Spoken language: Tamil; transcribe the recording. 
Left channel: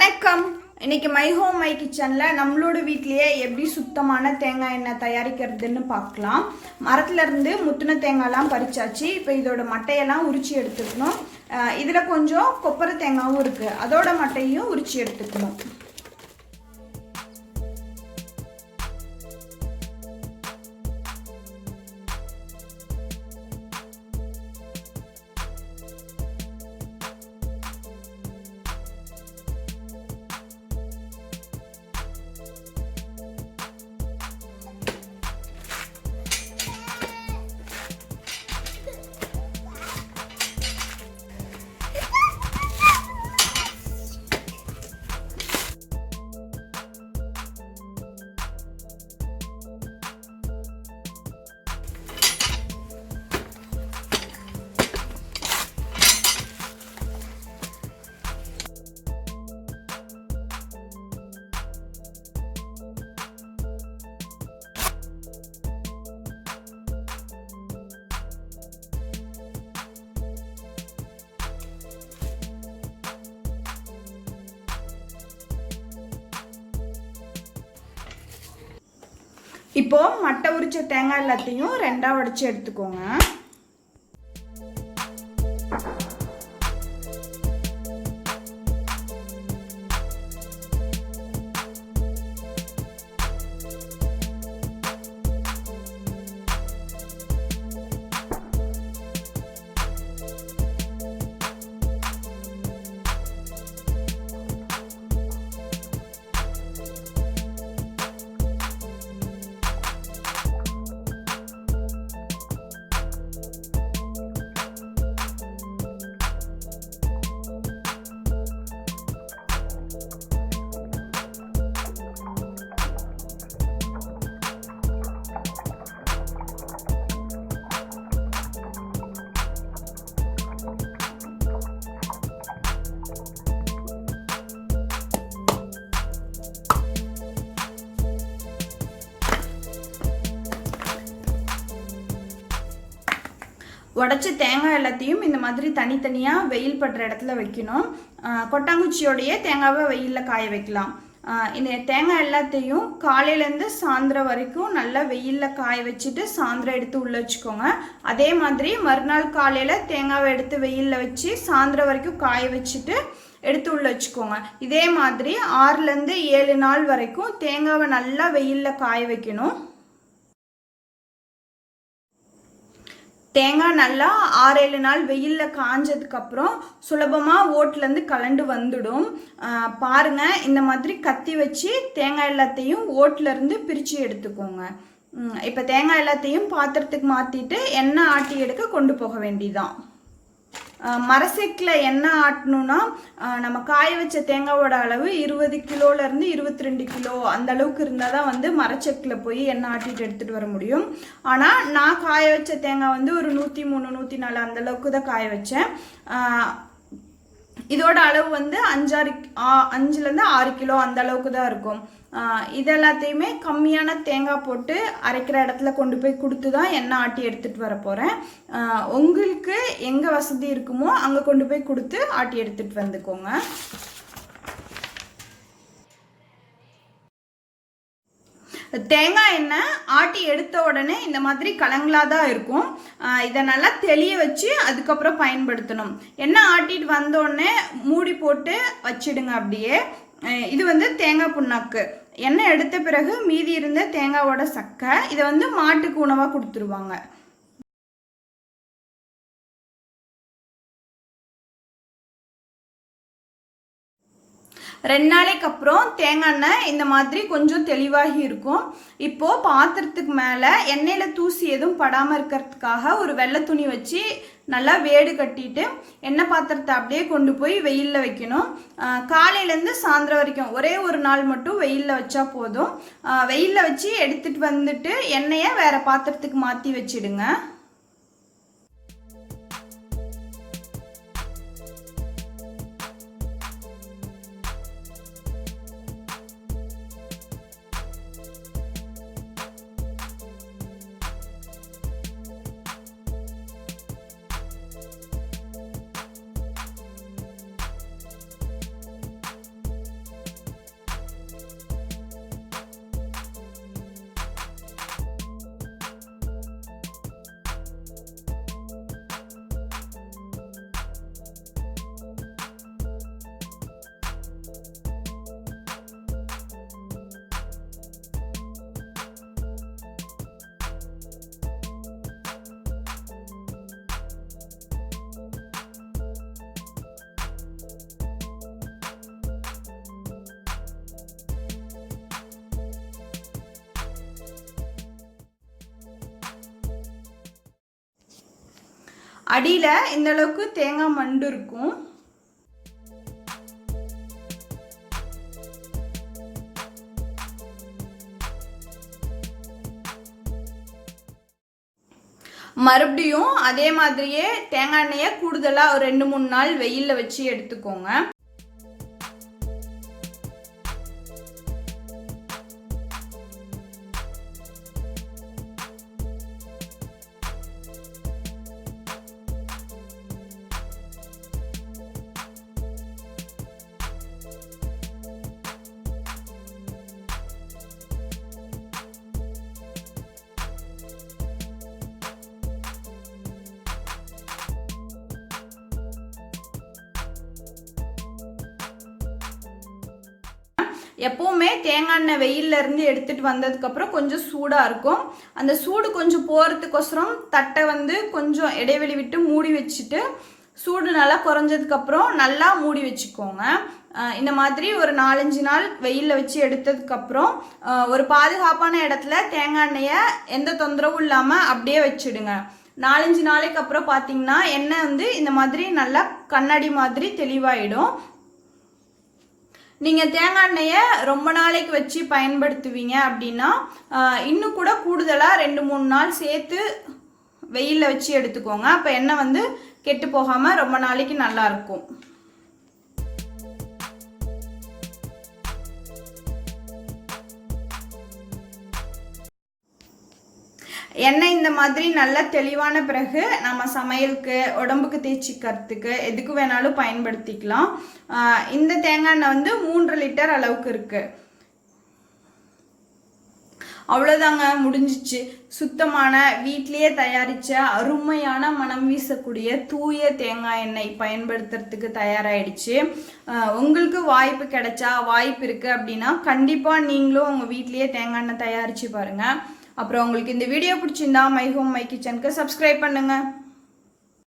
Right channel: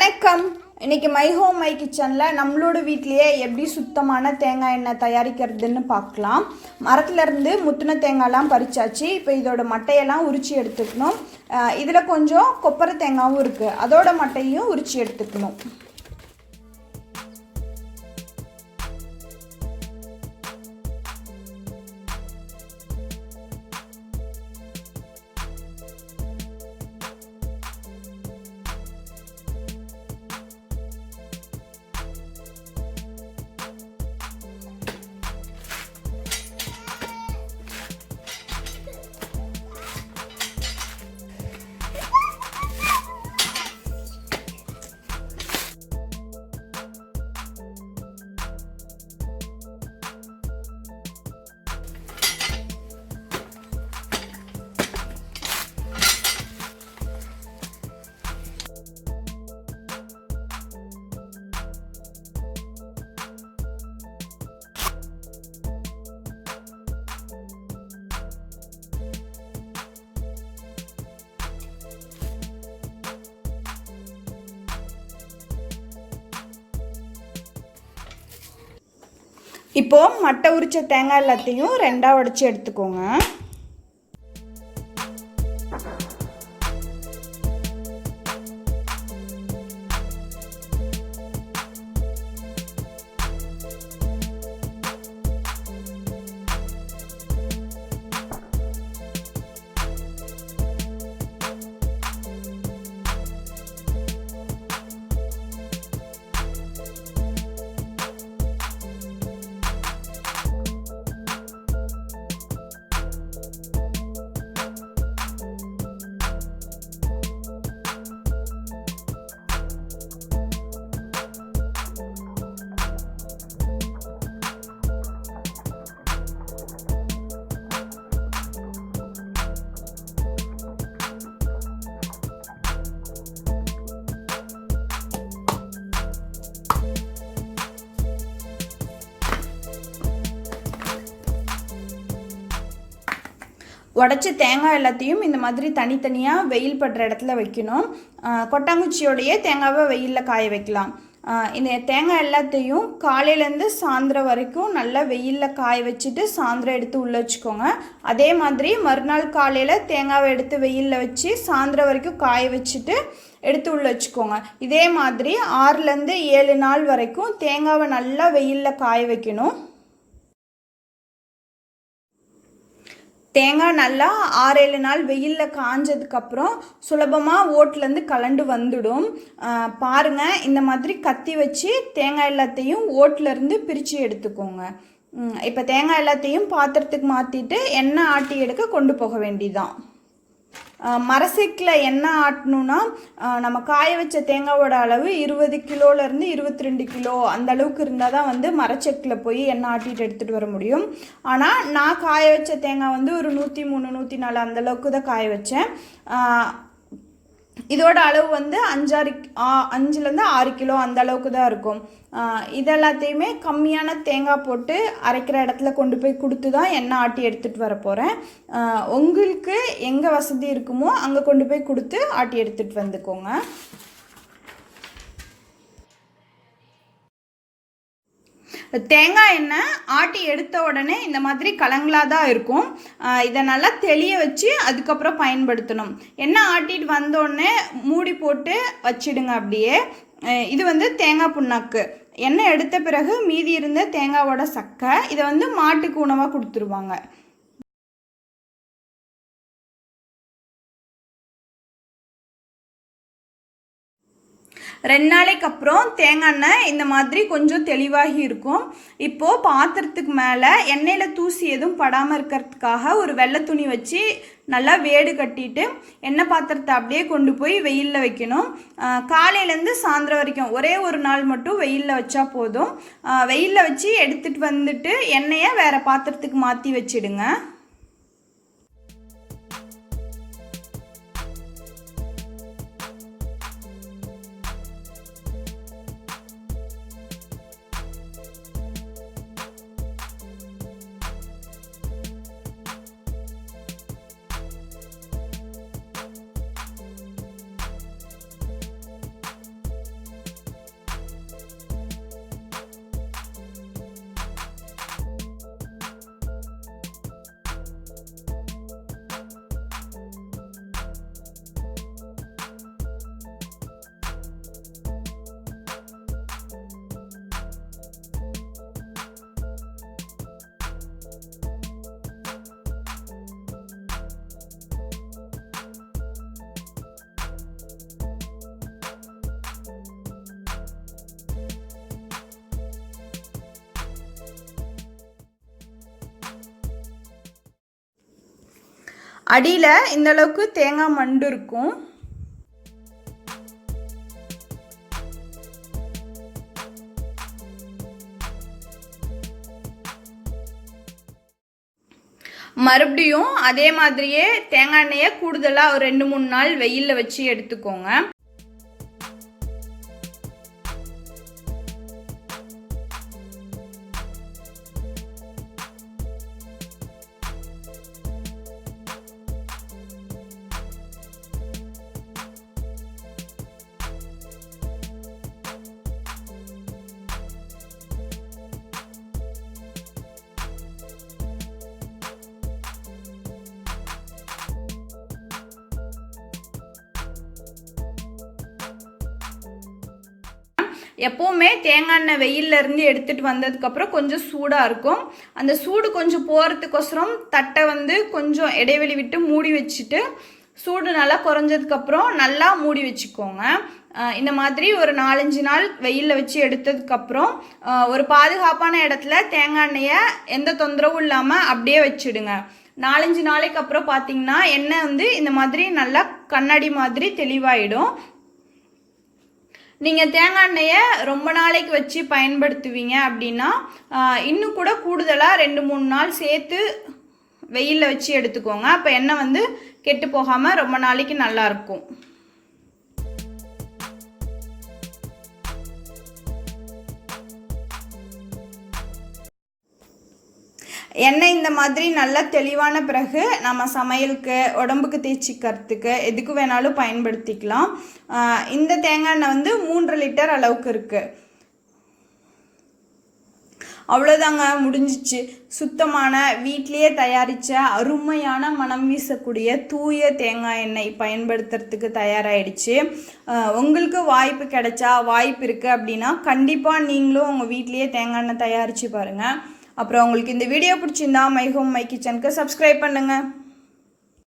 வணக்கம். இன்னைக்கு myhome mykitchenல நம்மளோட வீட்லயே எப்படி சுத்தமான தேங்காய் எண்ணெய் தயாரிக்கிறதுன்னு பார்க்கலாம். மரத்துல இருந்து முத்துன தேங்காய்லாம் பறிச்சாச்சு. இப்போ இதோட மட்டையெல்லாம் உரிச்சு எடுத்துக்கணும். இதுல கொஞ்சம் கொப்பரை தேங்காயும் இருக்கு, அதோட மட்டையும் உரிச்சு எடுத்துக்கணும். இப்போ மட்டை உரிச்ச தேங்காய் எல்லாத்தையும் ரெண்டா உடைச்சு எடுத்துக்கோங்க. உடச்ச தேங்காய் எல்லாத்தையும் இந்த மாதிரி தனித்தனியாக வெயில் படுற இடத்துல வைக்கணும். கொட்டாங்குச்சியோடையே தேங்காவை வெயிலில் காய வைக்கலாம். இந்த தேங்காய் எல்லாத்தையும் காலையிலேருந்து சாயந்தரம் வரைக்கும் நல்லா வெயிலில் காய வச்சுட்டு சாயந்தரம் எடுத்து உள்ளே வச்சுக்கோங்க. அதே மாதிரி மறுநாள் காலையில் தேங்காவை எடுத்து வெயிலில் வச்சு சாயந்தரம் வரைக்கும் காய வச்சுட்டு எடுத்து உள்ளே வச்சுக்கோங்க. இதே மாதிரி 6லேருந்து 7 நாள் வரைக்கும் தேங்காவை நல்லா வெயிலில் காய வைக்கணும். தேங்காய் நல்லா 6-7 நாள் வெயிலில் காஞ்சதுக்கப்புறம் சுலபமாக ஓட்டிலேருந்து கலண்டு வந்துடும். பாருங்கள், இந்த மாதிரி கத்தி வச்சு தேங்காய் எல்லாத்தையும் ஓட்டிலேருந்து பிரித்து எடுத்துக்கோங்க. இப்போ தேங்காய் எல்லாத்தையும் பாத்திரத்துக்கு மாற்றிட்டு எண்ணெய் ஆட்டி எடுக்க கொண்டு போக வேண்டியதான். மரசெக்கில் எண்ணெய் ஆட்டணுன்னா நம்ம காய வச்ச தேங்காயோட அளவு 20 கிலோலேருந்து 22 கிலோ அந்த அளவுக்கு இருந்தால் தான் வந்து மரச்செக்கில் போய் எண்ணெய் ஆட்டிட்டு எடுத்துகிட்டு வர முடியும். ஆனால் நான் காய வச்ச தேங்காய் வந்து ஒரு 103 104 அந்த அளவுக்கு தான் காய வச்சேன். இதோட அளவு வந்து 5-6 கிலோ அந்த அளவுக்கு தான் இருக்கும். இதெல்லாத்தையுமே கம்மியான தேங்காய் போட்டு அரைக்கிற இடத்துல கொண்டு போய் கொடுத்து தான் எண்ணெய் ஆட்டி எடுத்துகிட்டு வர போகிறேன். உங்களுக்கு எங்கே வசதி இருக்குமோ அங்கே கொண்டு போய் கொடுத்து ஆட்டி எடுத்துகிட்டு வந்துக்கோங்க. தேங்காய் எண்ணெய் ஆட்டி எடுத்த உடனே இந்த மாதிரி கலங்களாக தான் இருக்கும். இதை நல்லா தெளிய வச்சு அதுக்கப்புறம் பயன்படுத்தணும். எண்ணெய் ஆட்டிட்டு வந்தோடனே மூடி போட்டு வச்சிடுங்க அப்படியே. இது வந்து தேங்காய் புண்ணாக்கு. எண்ணெய் எடுத்த பிறகு மீதி இருந்த தேங்காயோட சக்கை இதை வந்து மாட்டுக்கு உணவாக கொடுத்துருவாங்க. ரெண்டு நாளைக்கு அப்புறம் தேங்காய் எண்ணெய் இந்த மாதிரி கொஞ்சம் தெளிவாகி இருக்கும். இப்போது பாத்திரத்துக்கு மேலே எண்ணெயில் தூசி எதுவும் படாமல் இருக்கிறதுக்காக ஒரு வெள்ளை துணி வச்சு நல்லா வேடு கட்டிட்டு எண்ணெய் பாத்திரத்தை அப்படியே கொண்டு போய் வெயிலில் வைக்கணும். காலையிலேருந்து சாயந்தரம் வரைக்கும் ஒரே ஒரு நாள் மட்டும் வெயிலில் வச்சா போதும். வெயிலில் வச்சு எடுத்துகிட்டு வந்துட்டு எண்ணெயை வேறு பாத்திரத்துக்கு மாற்றி வச்சிடுங்க. அடியில் இந்தளவுக்கு தேங்காய் மண்டு இருக்கும். மறுபடியும் அதே மாதிரியே தேங்காய் எண்ணெயை கூடுதலாக ஒரு 2-3 நாள் வெயிலில் வச்சு எடுத்துக்கோங்க. எப்போவுமே தேங்காய் எண்ணெய் வெயிலிருந்து எடுத்துகிட்டு வந்ததுக்கப்புறம் கொஞ்சம் சூடாக இருக்கும். அந்த சூடு கொஞ்சம் போகிறதுக்கோசரம் தட்டை கொஞ்சம் இடைவெளி விட்டு மூடி வச்சுட்டு சூடு நல்லா குறைஞ்சதுக்கப்புறம் நல்லா மூடி வச்சுக்கோங்க. இந்த மாதிரி ஒரு 4-5 நாள் வெயிலில் வச்சு எடுத்ததுக்கப்புறம் ஒரு பாதுகாப்பான இடத்துல தேங்காய் எண்ணெயை எந்த தொந்தரவும் இல்லாமல் அப்படியே வச்சுடுங்க. 4-5 நாளைக்கு அப்புறம் பார்த்தீங்கன்னா எண்ணெய் இந்த மாதிரி நல்லா கண்ணாடி மாதிரி தெளிவாயிடும். நீங்கள் தேங்காய் எண்ணெயை ரொம்ப நாளைக்கு வச்சு பயன்படுத்துவீங்க அப்படின்னா இன்னும் கூட கூடுதலாக 2-3 நாள் சேர்த்து வெயிலில் வச்சு எடுத்துக்கோங்க. அப்போ எண்ணெய் கெட்டு போகாமல் ரொம்ப நாளைக்கு நல்லாயிருக்கும். எண்ணெய் இந்த மாதிரி நல்லா தெளிவான பிறகு நம்ம சமையலுக்கு, உடம்புக்கு தேய்ச்சிக்கிறதுக்கு எதுக்கு வேணாலும் பயன்படுத்திக்கலாம். இந்த தேங்காய் எண்ணெய் 3 லிட்டர் அளவுக்கு இருக்குது. அவ்வளோதாங்க, முடிஞ்சிச்சு. சுத்தமான வீட்டிலேயே தயாரித்த அருமையான மனம் வீசக்கூடிய தூய தேங்காய் எண்ணெய் பயன்படுத்துறதுக்கு தயாராகிடுச்சு. உங்களுக்கு வாய்ப்பு இருக்குது அப்படின்னா கண்டிப்பாக நீங்களும் உங்கள் வீட்டிலேயே தேங்காய் எண்ணெய் தயாரித்து பாருங்கள். அப்புறம் உங்களுக்கு இந்த வீடியோ பிடிச்சிருந்தா மை ஹோம் மை கிச்சனுக்கு சப்ஸ்கிரைப் பண்ணுங்கள்.